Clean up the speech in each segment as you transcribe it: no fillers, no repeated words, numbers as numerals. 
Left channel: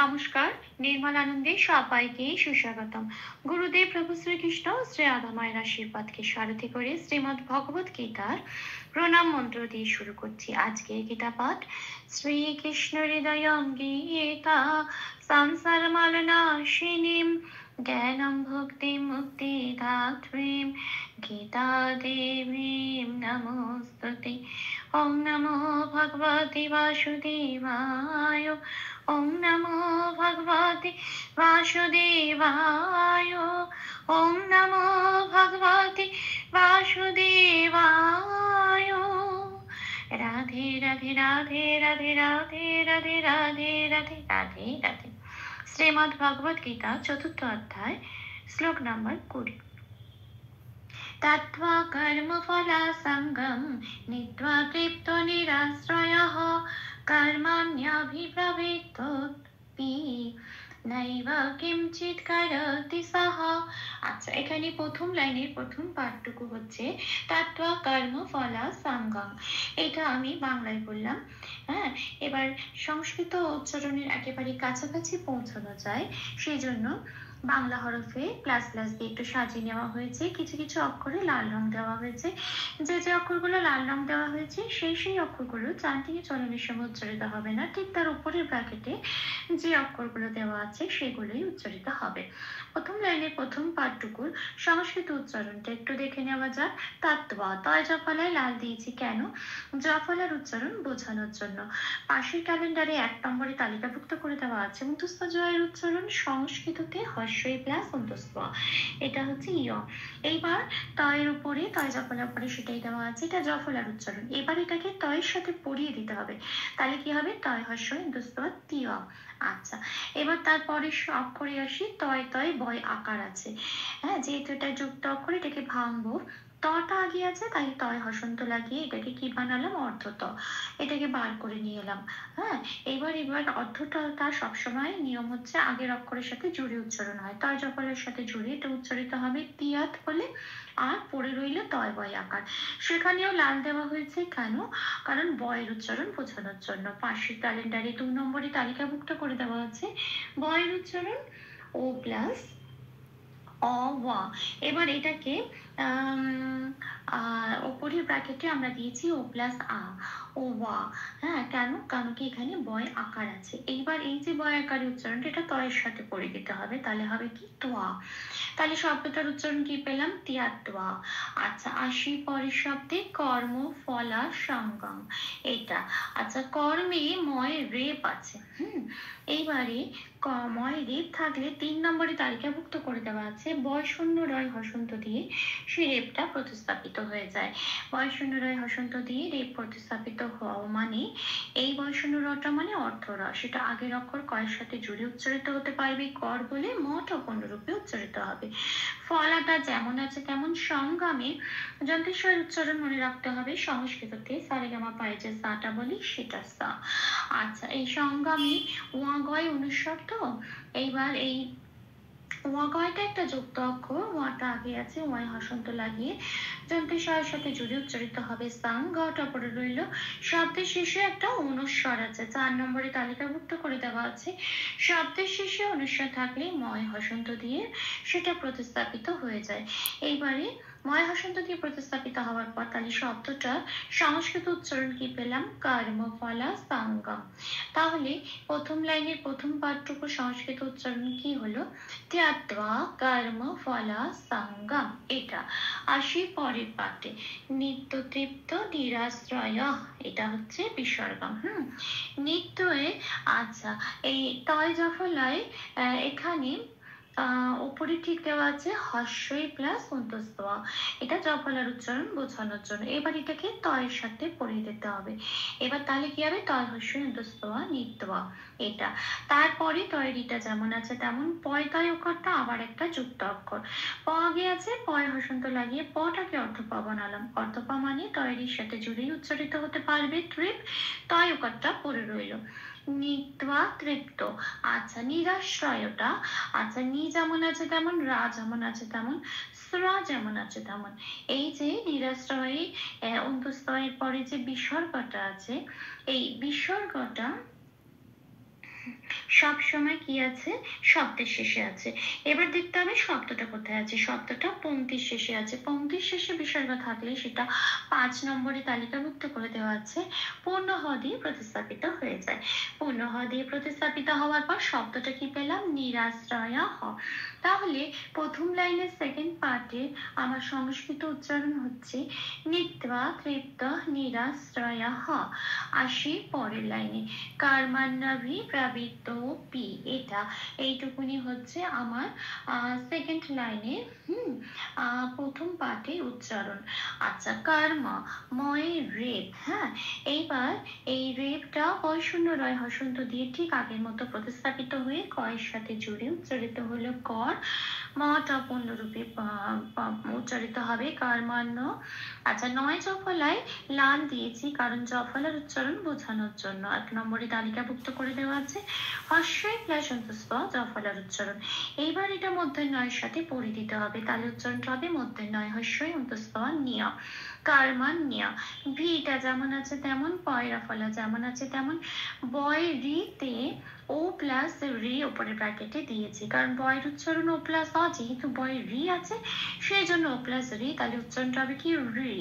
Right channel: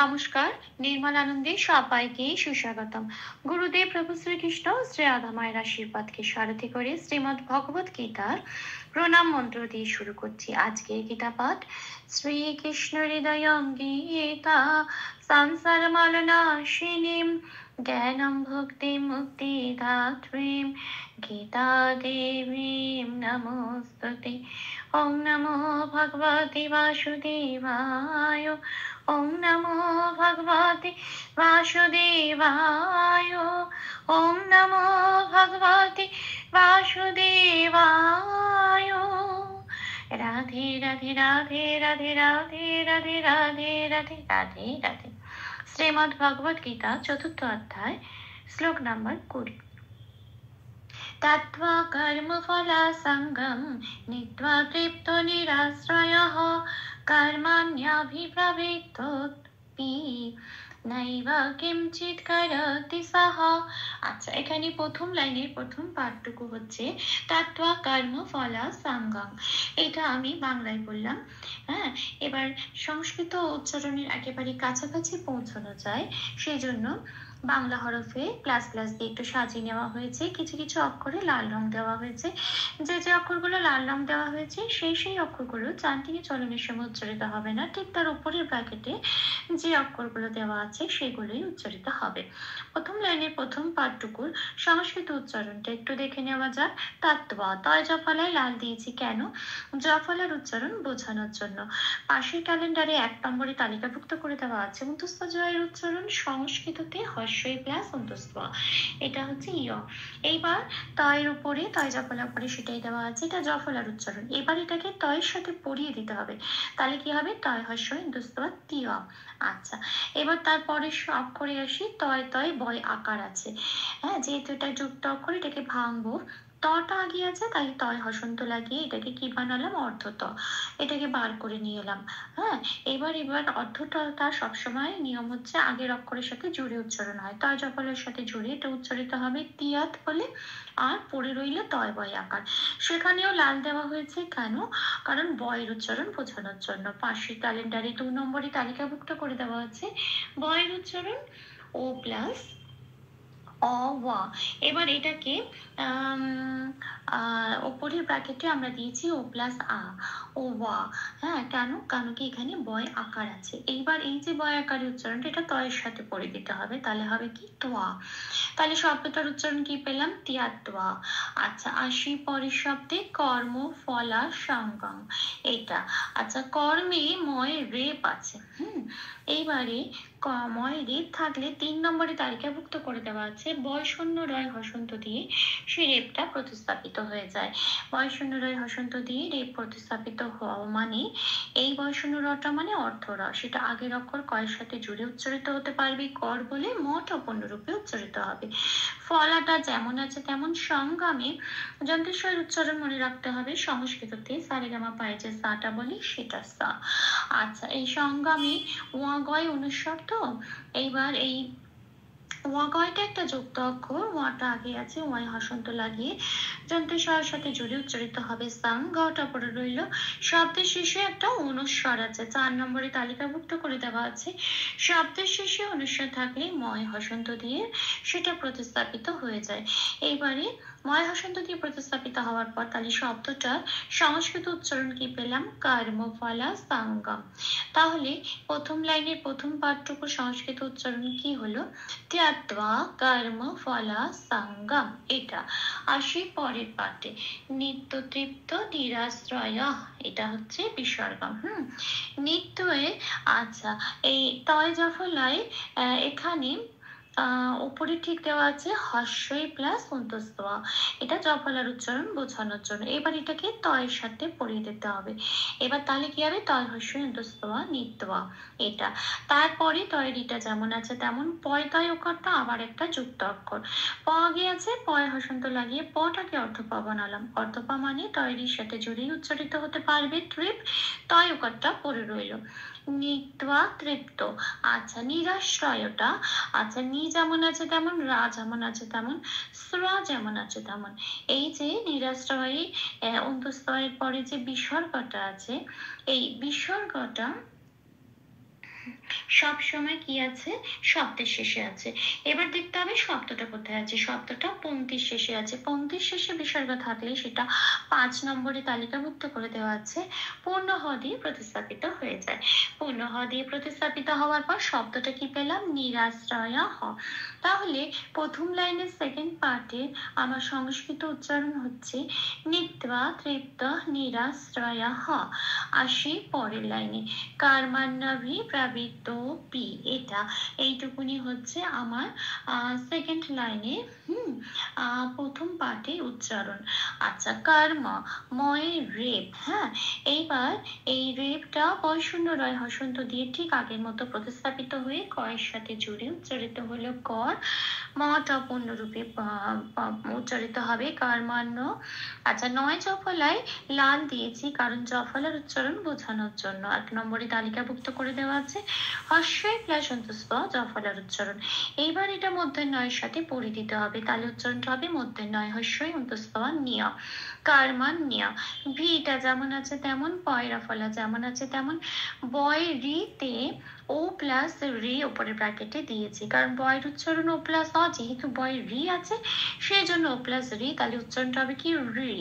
নমস্কার, নির্মল আনন্দে সবাইকে সুস্বাগতম। গুরুদেব প্রভু শ্রীকৃষ্ণ শ্রী রাধা মায়ের আশীর্বাদকে সারথি করে শ্রীমদ্ ভগবত গীতার প্রণাম মন্ত্র দিয়ে শুরু করছি আজকের গীতা পাঠ। শ্রীকৃষ্ণ হৃদয়ং গীতা সংসার মালনাশিনীম জ্ঞানম ভক্তি মুক্তি দাত্রীম গীতা দেবীম নমস্তুতে। ওম নমো ভগবতে বাসুদেবায়। ওম নমো ভগবতে বাসুদেবায়। ওম নমো ভগবতে বাসুদেবায়। রাধে রাধে রাধে রাধে রাধে রাধে রাধে রাধে রাধে রাধে। শ্রীমদ্ ভগবত গীতা চতুর্থ অধ্যায়, শ্লোক নম্বর 20। তত্ত্বা কর্মফলা সঙ্গম নীত্বা তৃপ্তো নিরাশ্রয়ঃ কর্মণ্যভিপ্রবৃত্তোপি নৈব কিঞ্চিৎ করতি সহ। আচ্ছা, এখানে প্রথম লাইনের প্রথম পাঠটুকু হচ্ছে তত্ত্বা কর্মফলা সঙ্গম। এটা আমি বাংলায় বললাম। হ্যাঁ, এবার সংস্কৃত উচ্চারণের একেবারে কাছাকাছি পৌঁছানো যায়, সেই জন্য বাংলা হরফে প্লাস প্লাস দিয়ে একটু সাজিয়ে নেওয়া হয়েছে। কিছু কিছু অক্ষরে লাল রং দেওয়া হয়েছে। যে যে অক্ষরগুলো লাল রং দেওয়া হয়েছে সেই অক্ষরগুলো চান্টিকে চলনের সময় উচ্চারিত হবে না, ঠিক তার উপরের ব্র্যাকেটে যে অক্ষরগুলো দেওয়া আছে সেগুলোই উচ্চারিত হবে। প্রথম লাইনের প্রথম পাঠটুকুর সংস্কৃত উচ্চারণটা একটু দেখে নেওয়া যাক। তত্ত্বা, তয় জফলায় লাল দিয়েছি কেন? জফলার উচ্চারণ বোঝানোর জন্য। পাশের ক্যালেন্ডারে 1 নম্বরে তালিকাভুক্ত করে দেওয়া আছে অন্তস্থ জয়ের উচ্চারণ সংস্কৃততে হর্ষই প্লাস অন্তস্থ, এটা হচ্ছে ইয়। এইবার তয়ের উপরে তয় জফলার উপরে সেটাই দেওয়া আছে, এটা জফলার উচ্চারণ। এবার এটাকে তয়ের সাথে পড়িয়ে দিতে হবে, তাহলে কি হবে? তয় হর্ষই অন্তস্থ তিয়। আচ্ছা, এবার তারপরে অক্ষরে আসি। তয় তয় বয় আকার আছে। হ্যাঁ, যেহেতু এটা যুক্ত অক্ষর, এটাকে ভাঙবো। তটা আগে আছে তাই তয় হসন্ত লাগিয়ে এটাকে কি বানালাম? অর্ধত। এটাকে বার করে নিয়ে এলাম। হ্যাঁ, এবার অর্ধতটা সবসময় নিয়ম হচ্ছে আগের অক্ষরের সাথে জুড়ে উচ্চারণ হয়। তয় জফলের সাথে জুড়ে এটা উচ্চারিত হবে তিয়াত বলে। আর পড়ে রইল তয় বয় আকার। সেখানেও লাল দেওয়া হয়েছে কেন? কারণ বয়ের উচ্চারণ বোঝানোর জন্য। পাশের ক্যালেন্ডারে 2 নম্বরে তালিকাভুক্ত করে দেওয়া আছে বয়ের উচ্চারণ ও প্লাস অ ওয়া। এবার এটাকে ওপরের ব্র্যাকেটে আমরা দিয়েছি ও প্লাস আ, ও ওয়া। হ্যাঁ, কেন? কারণ কি এখানে বয় আকার আছে। এইবার এই যে বয় আকারের উচ্চারণটা এটা তয়ের সাথে পড়ে দিতে হবে, তাহলে হবে কি? তোয়া। তাহলে শব্দটার উচ্চারণ কি পেলাম? তিয়াত্বা। আচ্ছা, আসি পরের শব্দে কর্ম ফলা সঙ্গম, এটা। আচ্ছা, কর্মে ময় রেপ আছে। এইবারে ময় রেপ থাকলে 3 নম্বরে তালিকাভুক্ত করে দেওয়া আছে বয় শূন্য রয় হসন্ত দিয়ে সেই রেপটা প্রতিস্থাপিত হয়ে যায়। বয় শূন্য রয় হসন্ত দিয়ে রেপ প্রতিস্থাপিত হওয়া মানে এই বয় শূন্য রটা মানে অর্থ র, সেটা আগের অক্ষর কয়ের সাথে জুড়ে উচ্চারিত হতে পারবে কর বলে, মঠ অপন্য রূপে উচ্চারিত হবে। ফলাটা যেমন আছে তেমন সংগমে যন্ত্রেশ্বর উচ্চারণ মনে রাখতে হবে। সংস্কৃততে সারেগামা পায়ে যে সাটা বলি সেটা সা। আচ্ছা, এই সংগমে ওয়া গয় অনুস্বর তো। এইবার এই ওয়া গয়টা একটা যুক্ত অক্ষর, ওয়াটা আগে আছে, ওয়াই হসন্ত লাগিয়ে যন্ত্রেশ্বরের সাথে জুড়ে উচ্চারিত হবে সাং। গটা পড়ে রইল। শব্দের শেষে একটা অনুস্বর আছে, 4 নম্বরে তালিকাভুক্ত করে দেওয়া আছে শব্দের শেষে অনুস্বর থাকলে ময় হসন্ত দিয়ে সেটা প্রতিস্থাপিত হয়ে যায়। এইবারে ময় হসন্ত দিয়ে প্রতিস্থাপিত হওয়ার পর তাহলে শব্দটা সংস্কৃত উচ্চারণ কি পেলাম? কর্মফলা সঙ্গম। তাহলে প্রথম লাইনের প্রথম পাঠটুকু সংস্কৃত উচ্চারণ কি হলো? ত্যক্ত্বা কর্মফলা সঙ্গম, এটা। আসি পরের পাঠে, নিত্য তৃপ্ত নিরাশ্রয়, এটা হচ্ছে বিসর্গম। নিত্যয়ে, আচ্ছা, এই তয় জফলায় এখানে উপরে ঠিক দেওয়া আছে হর্ষই প্লাস অন্তস্থ, এটা জফলার উচ্চারণ বোঝানোর জন্য। এবার এটাকে তয়ের সাথে পড়িয়ে দিতে হবে। এবার তাহলে কি হবে? তয় হর্ষই অন্তস্থ নিত্যা, এটা। তারপরে তয়েরিটা যেমন আছে তেমন পয় তয় অক্ষরটা আবার একটা যুক্ত অক্ষর। প আগে আছে, পয় হসন্ত লাগিয়ে পটাকে অর্ধপা বানালাম। অর্ধপা মানে তয়েরির সাথে জুড়েই উচ্চারিত হতে পারবে তৃপ। তয় অক্ষরটা পড়ে রইল নিত্বা তৃপ্ত। আচ্ছা, নিরাশ্রয়টা, আচ্ছা, নি যেমন আছে তেমন, রা যেমন আছে তেমন, স্রা যেমন আছে তেমন। এই যে নিরাশ্রয়ী অন্তস্তয়ের পরে যে বিসর্গটা আছে, এই বিসর্গটা সব সময় কি আছে, শব্দের শেষে আছে। এবার দেখতে হবে শব্দটা কোথায় আছে, শব্দটা পংক্তির শেষে আছে। পংক্তির শেষে বিসর্গ থাকলে সেটা 5 নম্বরে তালিকাভুক্ত করে দেওয়া আছে, পূর্ণ হ দিয়ে প্রতিস্থাপিত হয়ে যায়। পূর্ণ হ দিয়ে প্রতিস্থাপিত হওয়ার পর শব্দটা কি পেলাম, নিরাশ্রয় হ। তাহলে প্রথম লাইনের সেকেন্ড পার্টে আমার সংস্কৃত উচ্চারণ হচ্ছে নিত্বা তৃপ্ত নিরাশ্রয় হ। আসি পরের লাইনে, কার্মান্নাভি প্রাবৃত্ত পি, এটা এইটুকুনি হচ্ছে আমার সেকেন্ড লাইনে প্রথম পাঠের উচ্চারণ। আচ্ছা, কর্ম ময়ের রেপ, হ্যাঁ এইবার এই রেপটা বয়শূন্য রয় হসন্ত দিয়ে ঠিক আগের মতো প্রতিস্থাপিত হয়ে কয়ের সাথে জুড়ে উচ্চারিত হলো কর, মটা পূর্ণরূপে উচ্চারিত হবে কর্মান্য। আচ্ছা, 9 জফলায় লাল দিয়েছি কারণ জফলার উচ্চারণ বোঝানোর জন্য। 1 নম্বরে তালিকাভুক্ত করে দেওয়া আছে হস্যই প্লাস অন্তঃস্থ জফলার উচ্চারণ। এইবার এটা মূর্ধন্যয়ের সাথে পড়ে দিতে হবে, তাহলে উচ্চারণটা হবে মূর্ধন্যয় হস্যই অন্তঃস্থ নিয়া, কারমান নিয়া। ভিটা যেমন আছে তেমন, পয়রা ফলা যেমন আছে তেমন। বয় রিতে ও প্লাস রি উপরে ব্র্যাকেটে দিয়েছি, কারণ বয়ের উচ্চারণ ও প্লাস অ, যেহেতু বয় রি আছে সেই জন্য ও প্লাস রি, তাহলে উচ্চারণটা হবে কি রি।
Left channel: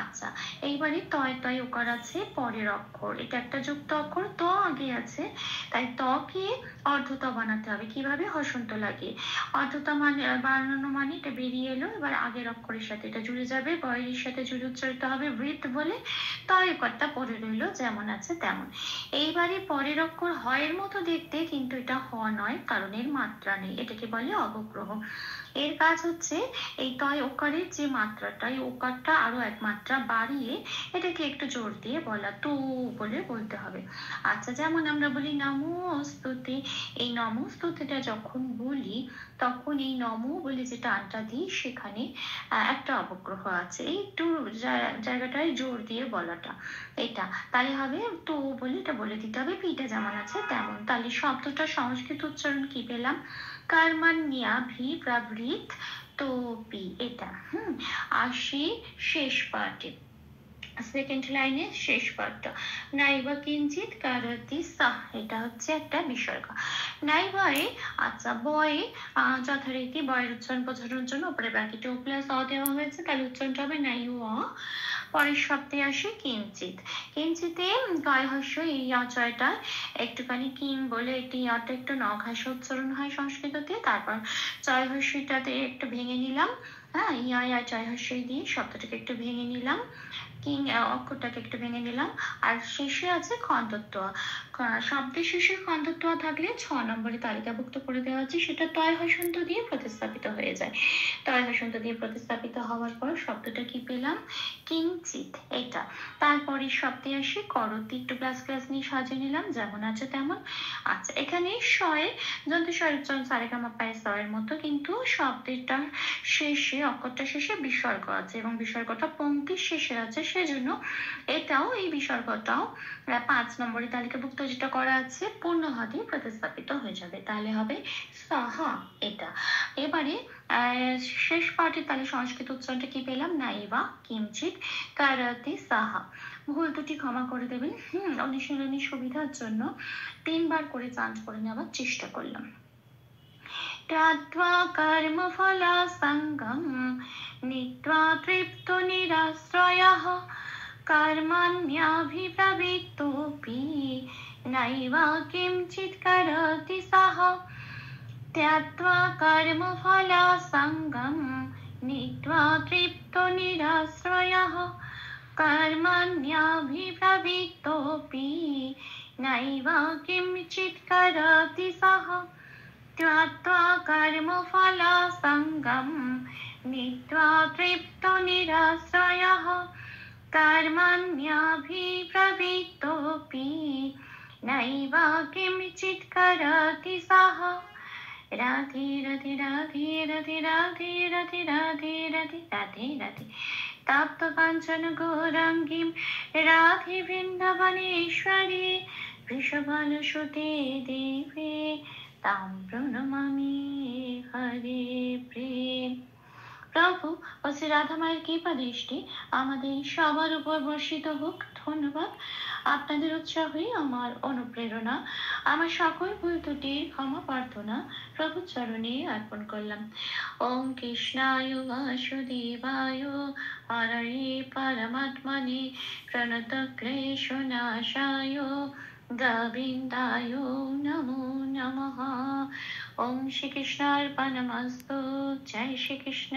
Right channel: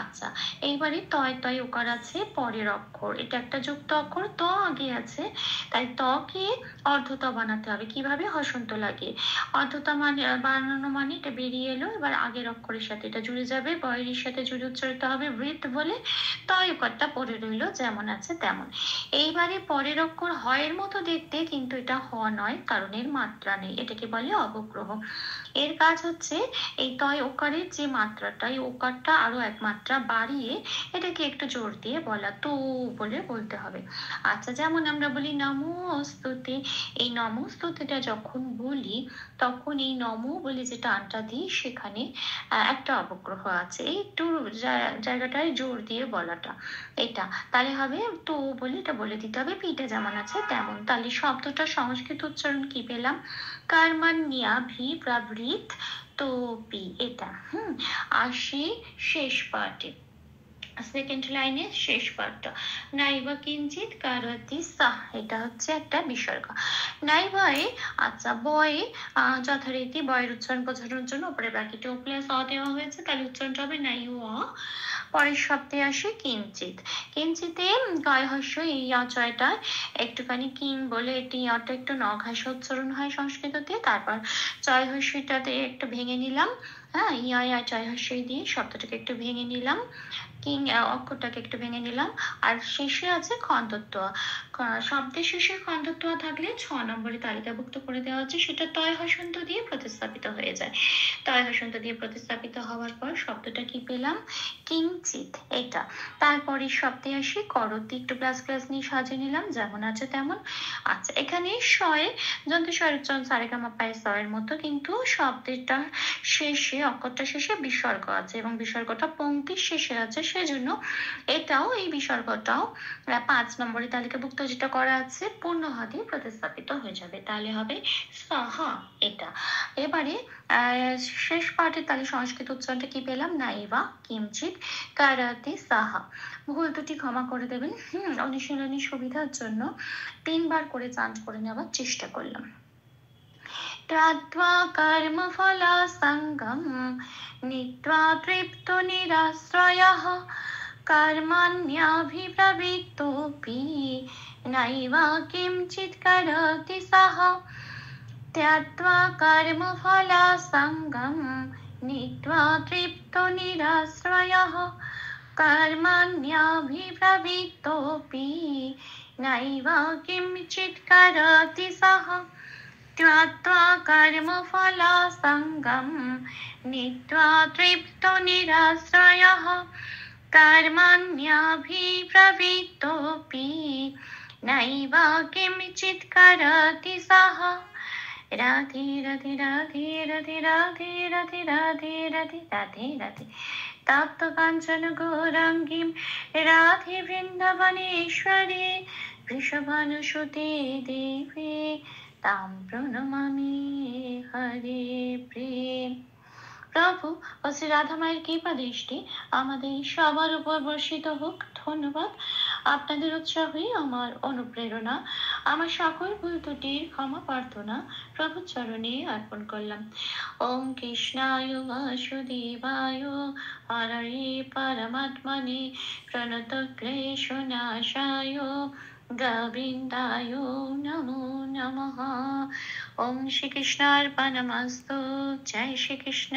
আচ্ছা, এইবারে তয় তয় ওকার আছে পরের অক্ষর, এটা একটা যুক্ত অক্ষর, ত আগে আছে তাই তকে অর্ধত বানাতে হবে। কিভাবে, হসন্ত লাগিয়ে। অর্ধত মানে বানানো মানে এটা বেরিয়ে এলো, এবার আগের অক্ষরের সাথে এটা জুড়ে যাবে, বয়ের সাথে জুড়ে উচ্চারিত হবে বৃত বলে, তয় ওকারটা পড়ে রইলো যেমন আছে তেমন। এইবারে পরের অক্ষর হয়ের মতো দেখতে, কিন্তু এটা হ নয় কারণ এর মাত্রা নেই, এটাকে বলে অবগ্রহ। এর কাজ হচ্ছে এই তয় ওকারের যে মাত্রাটা, এই ওকারটা আরো এক মাত্রা বাড়িয়ে এটাকে একটু জোর দিয়ে বলা, তো বলে বলতে হবে। আচ্ছা, যেমন আমরা বলি নমস্তুতে, এই নমস্তুতিটা যখন বলি তখন এই নম বলে যে টানটা দিই সেখানে একটা অবগ্রহ আছে, এই একটু জায়গাটায় জোর দিয়ে বলাটা, এটা তাহলে হবে তো বলে এটা বলে দিতে হবে। পিটা যেমন আছে তেমন, তাহলে শব্দটা সংস্কৃত উচ্চারণ কি পেলাম, কার্মান্যা ভি প্রবৃত তো পি, এটা আসি শেষ পার্টে, সেকেন্ড লাইনে শেষ পার্টটা, নাইবা কিঞ্চিত কারতি সাহ, এটা হচ্ছে একটা বিসর্গ নাইবায়ে। আচ্ছা, বয়ে যথারীতি বয়ের উচ্চারণ বোঝানোর জন্য উপরে ব্র্যাকেটে ও প্লাস অ দেওয়া হয়েছে, তাহলে উচ্চারণটা হবে নাই অ। পরের শব্দে আসে কিঞ্চিত, কিঞ্চিতে কয় হস্য এই আচয়টা একটুখানি কিং বলে এটি অটা একটু নঘাসে উচ্চারণ হয় সংস্কৃততে, তারপর চয় হস্যটাতে একটু ভেঙে নিলাম, হ্যাঁ ইয়া চয় হস্যই দিয়ে শব্দটাকে একটু ভেঙে নিলাম, কিং অক্ষরটাকে একটু ভেঙে নিলাম। আর শেষে আছে খণ্ডত্ব, শব্দের শেষে খণ্ডত্ব থাকলে 6 নম্বরে তালিকাভুক্ত করে দেওয়া আছে, সেটা তয় হসন্ত দিয়ে প্রতিস্থাপিত হয়ে যায়। তয় হসন্ত দিয়ে প্রতিস্থাপিত হওয়ার পর শব্দটা কি পেলাম, কিঞ্চিত, এটা। তারপরে শব্দে আসি করতি, একটু প্লাস প্লাস নিয়ে সাজিয়ে নিলাম যেমন আছে তেমন। আচ্ছা, এখানে শয়ে যন্ত্র স্বরোচ্চারণ সারেগামা পায় সয়ের মতো, কিন্তু শব্দটা শেষে অক্ষরটা শেষে বিসর্গ আছে এবং বিসর্গটা পংক্তির শেষে আছে, সেজন্য এটাও এই বিসর্গটাও 5 নম্বরে তালিকাভুক্ত যেটা করা আছে পূর্ণ হ দিয়ে প্রতিস্থাপিত হয়ে যাবে, তাহলে হবে সাহা, এটা। এবারে শেষ পার্টের তাহলে সংস্কৃত উচ্চারণটা কি পেলাম, নাইবা কিঞ্চিত কারাতে সাহা। ভুল দুটি ক্ষমা করে দেবেন, অনুশীলনের সুবিধার জন্য 3 বার করে চান্ট করে নেওয়ার চেষ্টা করলাম। ত্যাক্ত্বা কর্মফলাসঙ্গম নীত্বা তৃপ্তো নিরাশ্রয়ঃ কর্মণ্যভিপ্রবৃত্তোऽপি নৈব কিঞ্চিৎ করতি সঃ। ত্যাক্ত্বা কর্মফলাসঙ্গম নীত্বা তৃপ্তো নিরাশ্রয়ঃ কর্মণ্যভিপ্রবৃত্তোऽপি নৈব কিঞ্চিৎ করতি সঃ। त्यक्त्वा कर्मफलासङ्गं नीत्वा तृप्तो निराश्रयः कर्मण्यभिप्रवृत्तोऽपि नैव किञ्चित् करति सः। राधे राधे राधे राधे राधे राधे राधे राधे राधे राधे तप्त काञ्चन गौराङ्गीं राधे वृन्दावनेश्वरी वृषभानुसुते देवे तां প্রণমামি হরে প্রেম। প্রভু ও শ্রী রাধা মায়ের কৃপা দৃষ্টি আমাদের সবার উপর বর্ষিত হোক। ধন্যবাদ। আপনাদের উৎসাহই আমার অনুপ্রেরণা। আমার সকল ভুল ত্রুটি ক্ষমা প্রার্থনা প্রভুর চরণে অর্পণ করলাম। ওম কৃষ্ণায় বাসুদেবায় হরয়ে পরমাত্মনে প্রণত ক্লেশনাশায় গোবিন্দায় নমো নমঃ। ওম শ্রীকৃষ্ণার্পণমস্তু। জয় শ্রীকৃষ্ণ।